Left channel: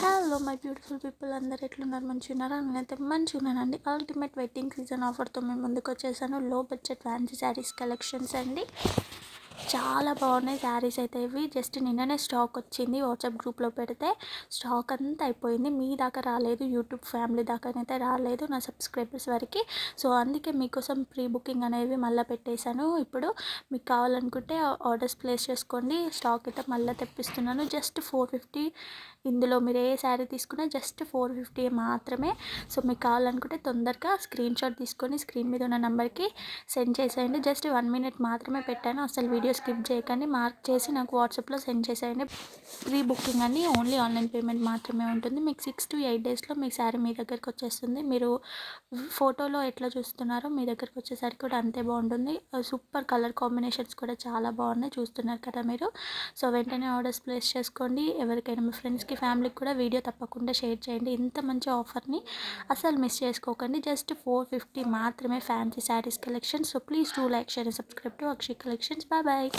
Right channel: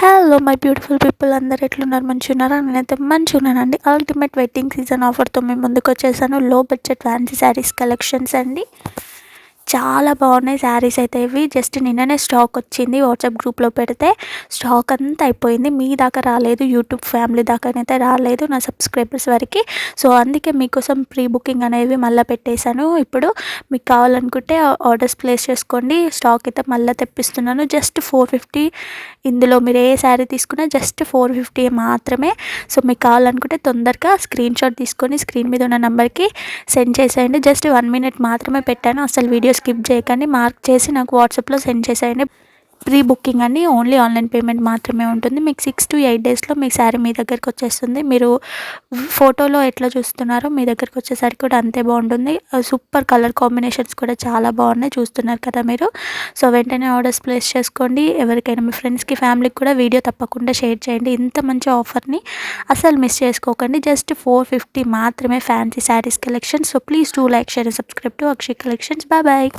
Hello my beautiful people, అందరు ఎట్లున్నారు? మంచిగా ఉన్నారా? నేనైతే మంచిగా ఉన్నానండి. అల్టిమేట్ వెడ్డింగ్ సీజన్ ఆఫర్తో మేము ముందుకు వచ్చేసాను. లో బడ్జెట్ ఫ్యాన్సీ శారీస్ కలెక్షన్స్ అండి. చాలా బాగున్నాయి శారీస్ అయితే. ఇవి జస్ట్ నిన్ననే స్టాక్ వచ్చింది, వాట్సాప్ గ్రూప్లో పెడితే స్టాక్ అంతా అయిపోయింది. మీ దాకా రాలేదు, యూట్యూబ్ ఫ్యామిలీ దాకానైతే రాలేదు, నా సబ్స్క్రైబర్స్ వరకు. సో అందుకే మీకోసం ప్రీ బుకింగ్ అనేవి మళ్ళీ పెట్టేశాను. ఇప్పుడు మీకు కావాలనుకుంటే ఆర్డర్స్ ప్లేస్ చేసుకోండి. స్టాక్ అయితే మళ్ళీ తెప్పిస్తున్నాను. జస్ట్ 450. ఇందులో మీరు ఏ శారీ తీసుకున్నా జస్ట్ 450 మాత్రమే. సో మీకు కావాలనుకుంటే తొందరగా స్క్రీన్ షాట్ తీసుకొని స్క్రీన్ మీద ఉన్న నెంబర్కి సెండ్ చేసేయండి. జస్ట్ 1 మినిట్ మాత్రమే పెట్టాను, అసలు వీడియో స్కిప్ చేయకండి. మార్క్ చేసి నాకు వాట్సాప్లో సెండ్ చేసేయండి. ప్రీ బుకింగ్ అండి, ఓన్లీ ఆన్లైన్ పేమెంట్ మాత్రమే ఉంటుంది. మీకు 6 to 8 డేస్లో మీ శారీ మీ దగ్గరికి వచ్చేస్తుంది. మీరు ఫోటోలో ఎట్లా చూస్తున్నారో మీ దగ్గరికి వచ్చేసరికి కూడా అంతే బాగుంటుంది. సూపర్ కలర్ కాంబినేషన్స్ కూడా చాలా బాగున్నాయి, చూస్తున్నారు కదా మీరు. సో వెంటనే ఆర్డర్స్ ప్లేస్ చేసుకోండి. ఎవరికైనా మీ ఫ్రెండ్స్కి ఫ్యామిలీకి కూడా వీడియో తప్పకుండా షేర్ చేయండి. ఇంత మంచి ఆఫర్ని అసలు మిస్ చేసుకోకండి. జస్ట్ 450 మాత్రమే fancy saris collection. So please do like, share and subscribe to Akshay collections. Bye bye.